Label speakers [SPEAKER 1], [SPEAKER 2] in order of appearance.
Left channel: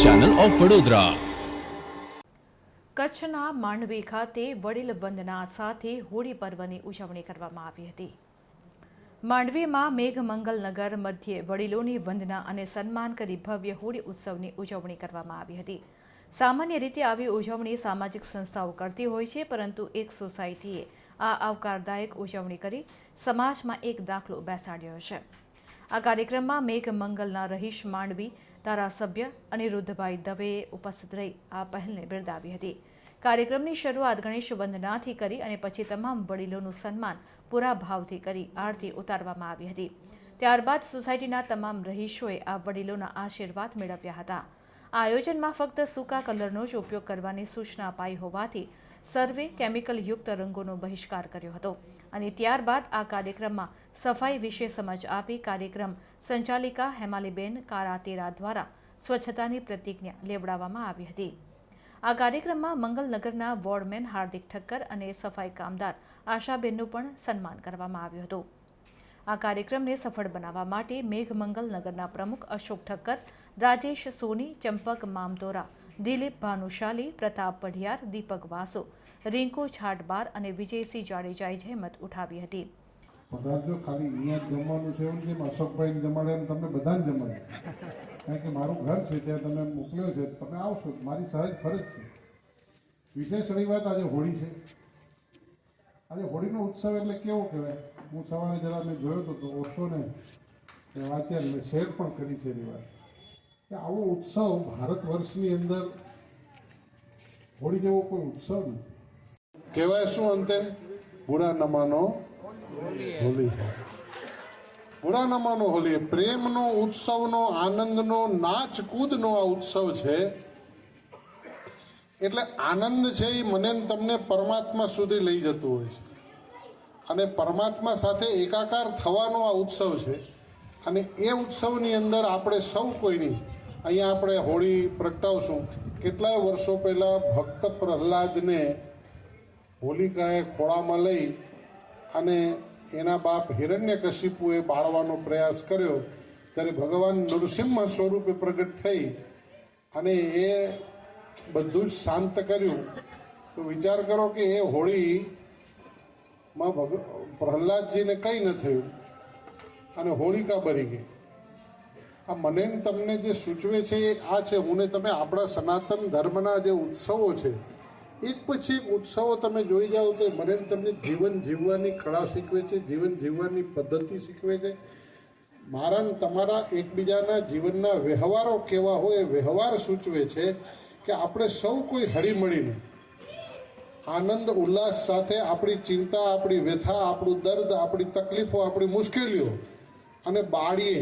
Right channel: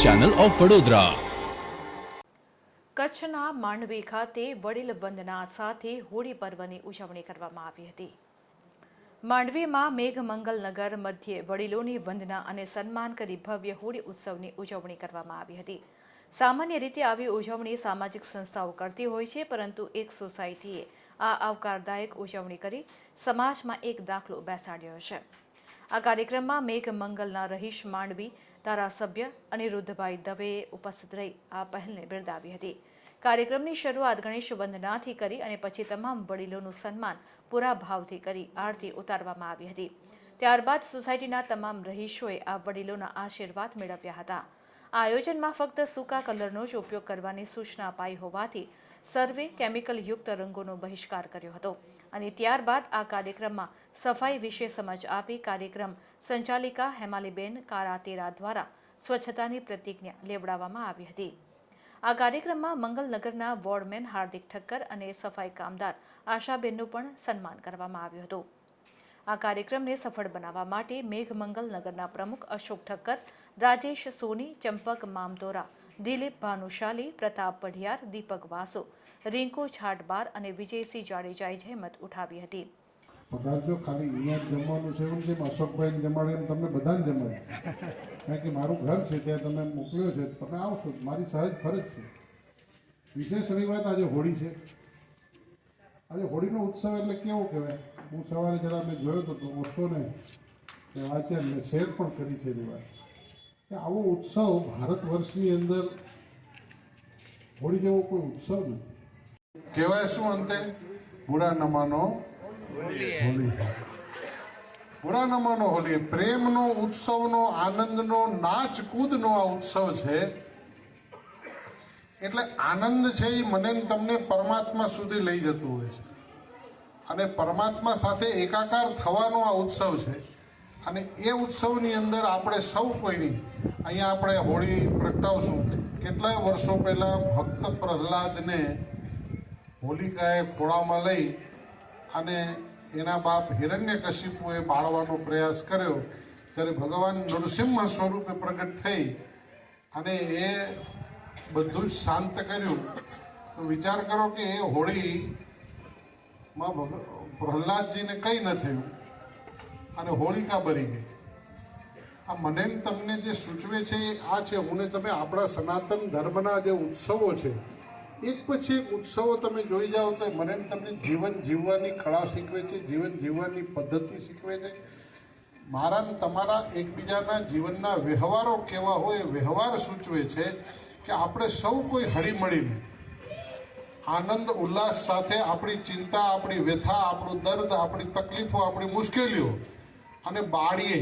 [SPEAKER 1] Channel of Vadodara.
[SPEAKER 2] કચ્છના માંડવી ખાતે વડીલ વંદના સાથે હોળી પર્વની ઉજવણી કરવામાં આવી હતી. માંડવીમાં મેઘમંગલનગર મધ્યે વડીલોની વંદના અને સન્માન કરી ભવ્ય હોળી ઉત્સવની ઉજવણી કરવામાં આવી હતી. સામાન્ય રીતે આવી ઉજવણી સામાજિક સંસ્થાઓ કરતી હોય છે, પરંતુ એક સોસાયટીએ આ આવકારદાયક ઉજવણી કરી સમાજમાં એક દાખલો બેસાડ્યો છે. આ કાર્યક્રમમાં મેઘ મંગલના રહીશ માંડવી, ધારાસભ્ય અનિરુદ્ધભાઈ દવેએ ઉપસ્થિત રહી. આ પહેલને બિરદાવી હતી. કાર્યક્રમની શરૂઆત ગણેશ વંદનાથી કરી અને પછી તમામ વડીલોનું સન્માન પૂરા ભાવથી કરી આરતી ઉતારવામાં આવી હતી. ત્યારબાદ સોસાયટીના તમામ રહીશોએ આ વડીલોના આશીર્વાદ મેળવ્યા હતા. આ આયોજનમાં ફક્ત સૂકા કલરનો જ ઉપયોગ કરવાની સૂચના અપાઈ હોવાથી સર્વે કેમિકલયુક્ત રંગોનો બહિષ્કાર કર્યો હતો અને ત્યારબાદ આ કાર્યક્રમમાં સફાઈ વિશે સમજ આપી કાર્યક્રમ સંચાલિકા હેમાલીબેન કારાતેરા દ્વારા સ્વચ્છતાની પ્રતિજ્ઞા લેવડાવવામાં આવી હતી. આ કાર્યક્રમમાં મંગલનગરના વોર્ડમેન હાર્દિક ઠક્કર અને સફાઈ કામદાર આશાબેનનું પણ સન્માન કરવામાં આવ્યું હતું. આ કાર્યક્રમને સફળ બનાવવા માટે મેઘમંગલ નગરના પ્રમુખ અશોક ઠક્કર, રાજેશ સોની, ચંપક મામદોરા દિલીપ ભાનુશાલી, પ્રતાપ પઢિયાર, દીપક વાસો, રિંકો છાટબાર અને વિજયસિંહ જાડેજાએ જહેમત ઉઠાવી હતી.
[SPEAKER 3] જો ખાલી અહીંયા જમવાનું છે એવું છે અશોકભાઈ જમાડે એમ તમને બધાને જમાડે કારણ કે મારું ઘર છે, ત્યાં તમે મોકલ્યો છે, તમે આવશો મારી સહેજ ફરજ છે. વિશેષ રહી વાત આજે હોળી છે. આજે હોળીનો ઉત્સવ એટલે કેવો કહેવાય? હું સવારે જરા મેં જોયો હતો તો ઓશોને વાંચ્યા મેં શેર પણ કરી છે એની કે આવો ઉત્સવ ભારત વર્ષની અંદર હોળી જેવો કોઈ ઉત્સવ કહેવાય શું અંતે? બુરા ન હોલી. બુરા ન હોલી. પ્રેમનો ઉત્સવનો, આનંદનો નાચ કૂદનો આ ઉત્સવ છે. એટલે આનંદ છે એ મને તમને પરમાત્મા સુધી લઈ જતું હોય છે. અને પરમાત્મા સાથે એકાકાર થવાનો આ ઉત્સવ છે. અને એ ઉત્સવની અંદર આપણે સૌ કોઈની અહીંયા આપણે હોળી પ્રગટાવશું. કેટલાય વર્ષો પહેલાં ભક્ત પ્રહલાદને હોલિકાએ ખોળામાં લઈ અને એના બાપ હિરણ્યકશિપુએ બાળવાનો પ્રયાસ કર્યો. ત્યારે ભગવાન નૃસિંહ સ્વરૂપે પ્રગટ થઈ અને એ બધું જ શાંત કર્યું. તો વિચાર કરો કે એ હોળીમાં ભગ, પ્રહલાદજીને કંઈ ન થયું. અને હોળિકા બની ગઈ. આ મને તમને જે સૂચવે છે, આ છે, હું તમે આપણા સનાતન ધર્મના જે ઉત્સવો છે, એક પછી એક ઉત્સવો તમે જોઈ જાઓ તો મને તમને જીવન જીવવાની કળા શીખવે છે, જીવન જીવવાની પદ્ધતિ શીખવે છે. મારા તમારા એકબીજાના જીવનના વ્યવહારો કેવા હોય એ વ્યવહાર સૂચવે છે કે આપણે સૌ કોઈ હળીમળીને આનંદ, ઉલ્લાસ સાથે આપણી ચિંતા, આપણી વ્યથા, આપણું દર્દ, આપણી તકલીફો, આપણી મુશ્કેલીઓ અને બાળીએ